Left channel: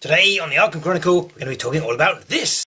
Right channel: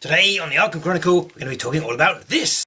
Today on the Arkham Chronicle, we're going to be talking all about this.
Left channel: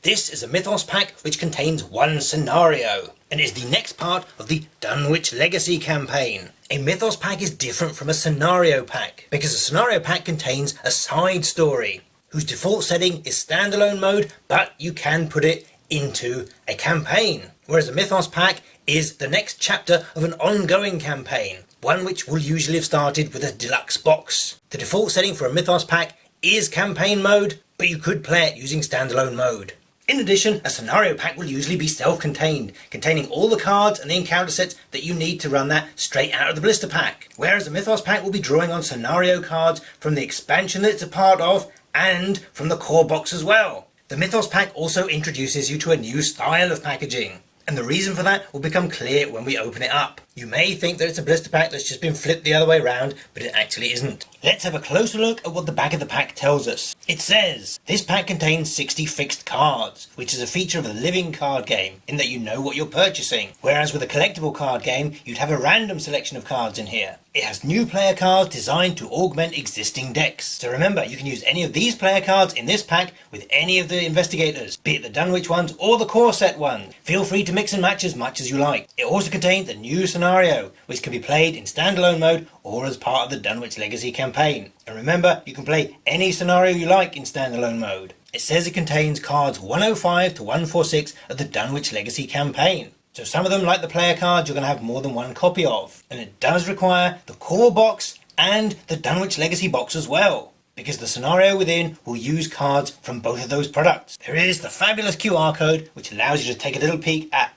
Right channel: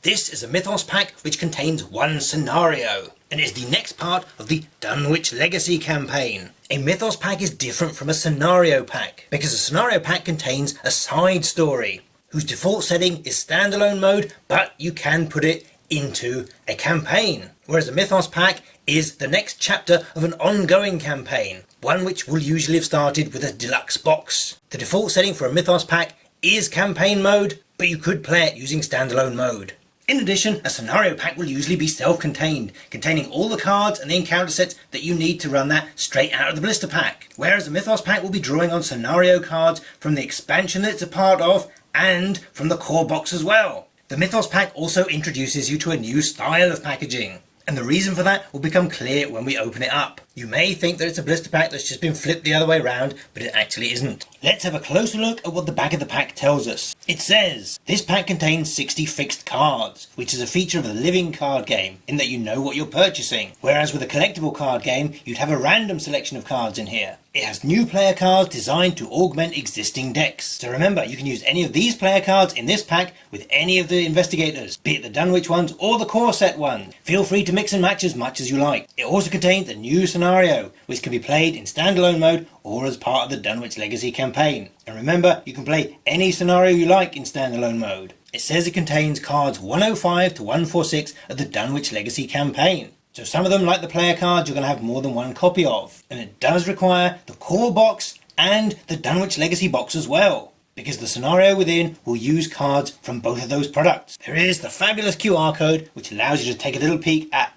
This is a Mythos Pack which contains one scenario, and is the next part of the Dunwich Legacy campaign. A Mythos Pack is different from a scenario pack, because a scenario pack contains a side story, whose default setting is standalone mode, but you can put it into a campaign. Whereas a Mythos Pack is the next chapter of an ongoing campaign, one which will usually have started with a deluxe box. The default setting for a Mythos Pack is campaign mode, but you could play it using standalone mode. In addition, a scenario pack will usually be self-contained, containing all the cards and the encounter sets that you need to run that straight out of the blister pack. Whereas a Mythos Pack will be drawing on scenario cards from the expansion that it's a part of, and from the core box as well. The Mythos Pack also introduces you to a new style of packaging, and the reason for that will become clear when we open it up. You may think that it's a blister pack that's just been flipped the other way around, but it actually isn't. Let's have a closer look at what the back of the pack tells us. It says, this pack contains 60 fixed cards, which is a feature of a living card game, in that you know what you're purchasing. Whereas with a collectible card game, you'd have a random selection of cards in here. It has new player cards designed to augment existing decks. So remember, you can use any of these player cards in this pack with any of the investigators, be it the Dunwich ones or the core set ones. Feel free to mix and match as much as you like. It also contains a new scenario, which can be played in standalone mode or as part of the Dunwich Legacy campaign. And remember, you can play any scenario you like in standalone mode. It says it contains cards 105 to 146 of the Dunwich Legacy campaign. So some of them, like the player cards, you're going to have more than one copy of. And it does require the core box and the Dunwich Legacy box as well, because the scenario within will use cards from both of those products. There is the fabulous QR code, which allows you to take a little peek at...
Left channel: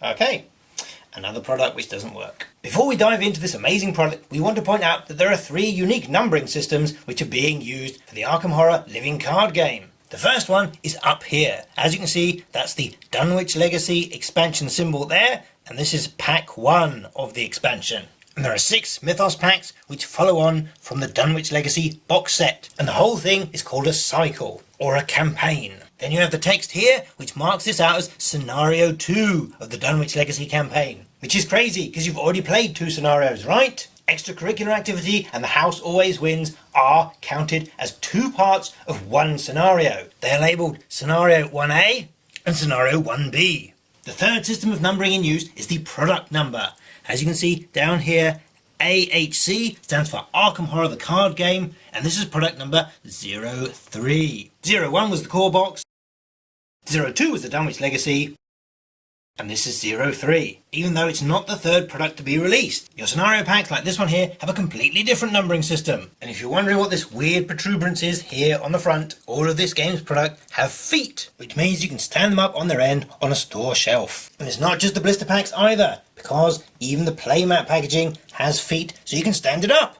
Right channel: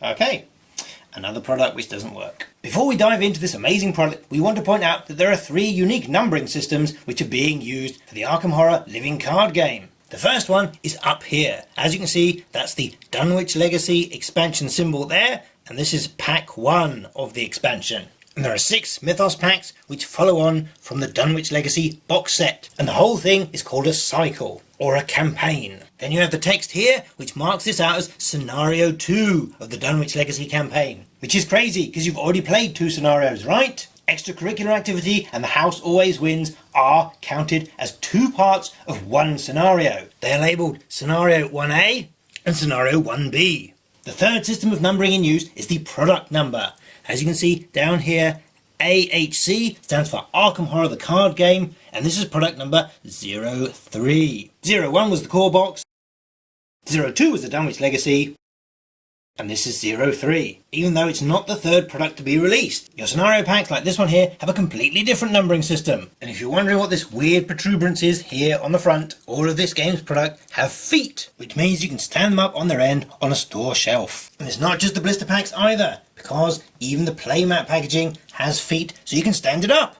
Okay, another product which doesn't work. Before we dive into this amazing product, we want to point out that there are 3 unique numbering systems which are being used for the Arkham Horror living card game. The first one is up here. As you can see, that's the Dunwich Legacy expansion symbol there, and this is pack 1 of the expansion. And there are 6 Mythos packs which follow on from the Dunwich Legacy box set, and the whole thing is called a cycle, or a campaign. Then you have the text here, which marks this out as Scenario 2 of the Dunwich Legacy campaign. Which is crazy, because you've already played 2 scenarios, right? Extracurricular activity and the house always wins are counted as 2 parts of one scenario. They are labelled Scenario 1A and Scenario 1B. The third system of numbering in use is the product number. As you can see down here, AHC stands for Arkham Horror the card game, and this is product number 03. 01 was the core box, 02 was the Dunwich Legacy, and this is 03, even though it's not the third product to be released. Your scenario packs like this one here have a completely different numbering system. And if you're wondering what this weird protuberance is here on the front, all of this game's product have feet, which means you can stand them up on their end on a store shelf. And it's not just the blister packs either, because even the playmat packaging has feet so you can stand it up.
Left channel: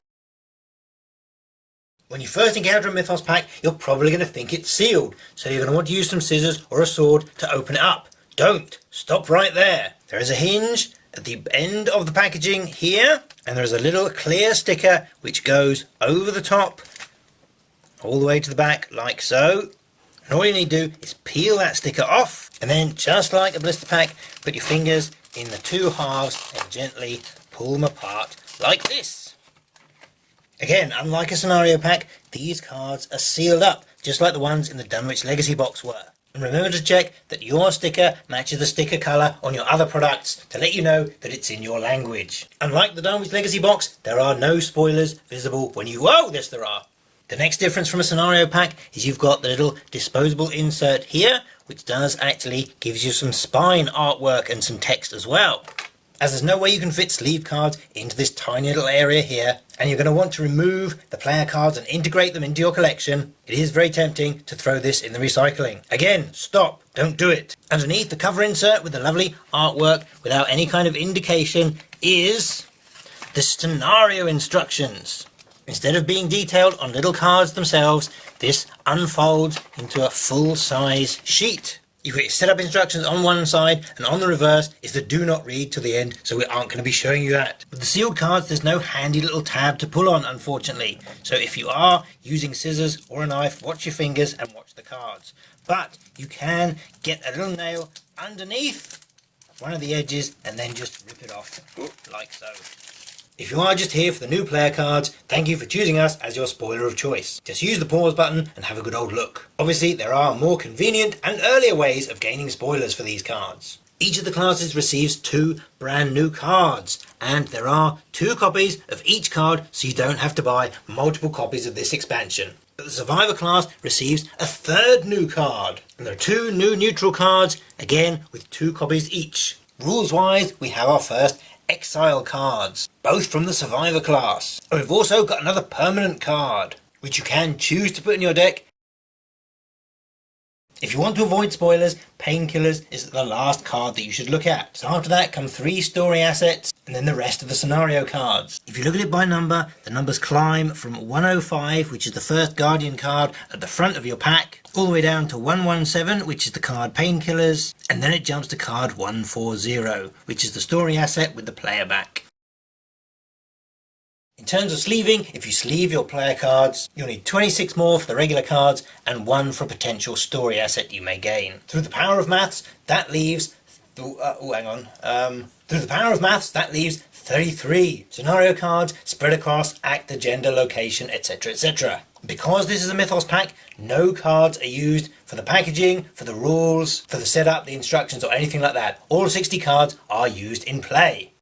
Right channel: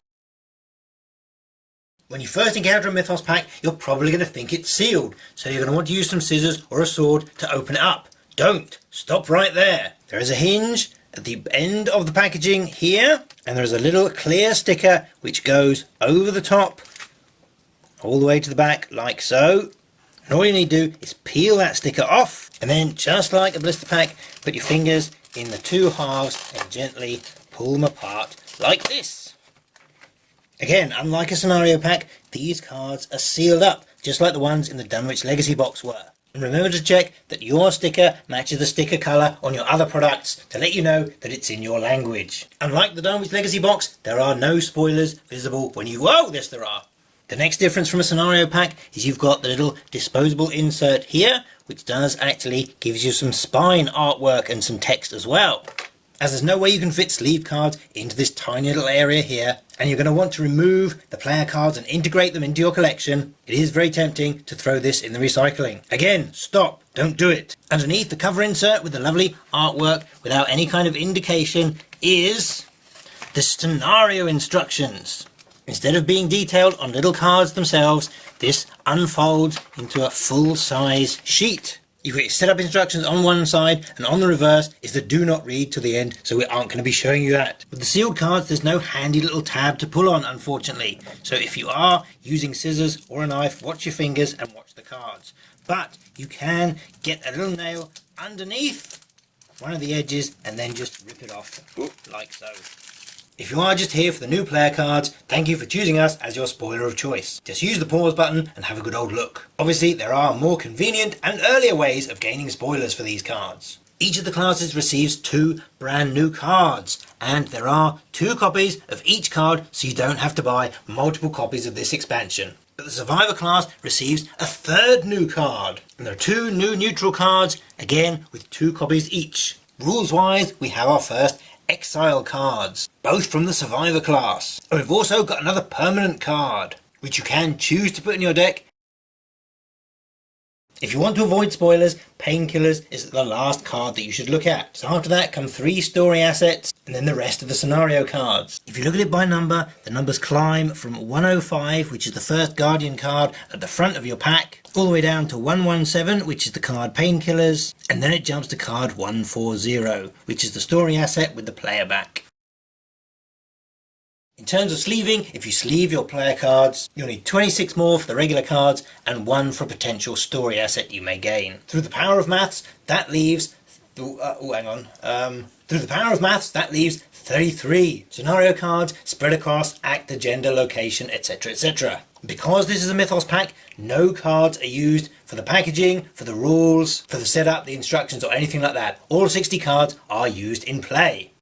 When you first encounter a Mythos pack, you're probably going to think it's sealed, so you're going to want to use some scissors or a sword to open it up. Don't! Stop right there. There is a hinge at the end of the packaging here, and there is a little clear sticker which goes over the top all the way to the back like so. And all you need to do is peel that sticker off, and then just like a blister pack, put your fingers in the 2 halves and gently pull them apart like this. Again, unlike a scenario pack, these cards are sealed up, just like the ones in the Dunwich Legacy box were. And remember to check that your sticker matches the sticker colour on your other products to let you know that it's in your language. Unlike the Dunwich Legacy box, there are no spoilers visible when you... Oh, yes there are! The next difference from a scenario pack is you've got the little disposable insert here, which does actually gives you some spine artwork and some text as well. As there's no way you can fit sleeve cards into this tiny little area here, and you're going to want to remove the player cards and integrate them into your collection, it is very tempting to throw this in the recycling. Again, stop, don't do it. Underneath the cover insert with the lovely artwork without any kind of indication is the scenario instructions. Instead of being detailed on little cards themselves, this unfolds into a full-size sheet. You've got your setup instructions on one side, and on the reverse is the do not read to the end, so we aren't going to be showing you that. With the sealed cards, there's no handy little tab to pull on, unfortunately. So if you are using scissors or a knife, watch your fingers and watch the cards. But you can get a little nail underneath one of the edges and then just rip it off, like so. If you are just here for the new player cards, thank you for choosing us as your spoiler of choice. Just use the pause button and have a good old look. Obviously, there are more convenient and earlier ways of gaining spoilers for these cards. Each of the classes receives 2 brand new cards, and there are 2 copies of each card, so you don't have to buy multiple copies of this expansion. But the Survivor class receives a 3rd new card, and there are 2 new neutral cards, again with 2 copies each. Rules-wise, we have our first Exile cards, both from the Survivor class. And we've also got another permanent card, which you can choose to put in your deck. If you want to avoid spoilers, Painkillers is the last card that you should look at. So after that come 3 story assets, and then the rest of the scenario cards. If you look at it by number, the numbers climb from 105, which is the first Guardian card at the front of your pack, all the way down to 117, which is the card Painkillers, and then it jumps to card 140, which is the story asset with the player back. In terms of sleeving, if you sleeve your player cards, you'll need 26 more for the regular cards and 1 for a potential story asset you may gain. Through the power of maths, that leaves... Through the power of maths, that leaves 33 scenario cards spread across actor, gender, location, etc, etc. Because this is a Mythos pack, no cards are used for the packaging, for the rules, for the setup, the instructions or anything like that. All 60 cards are used in play.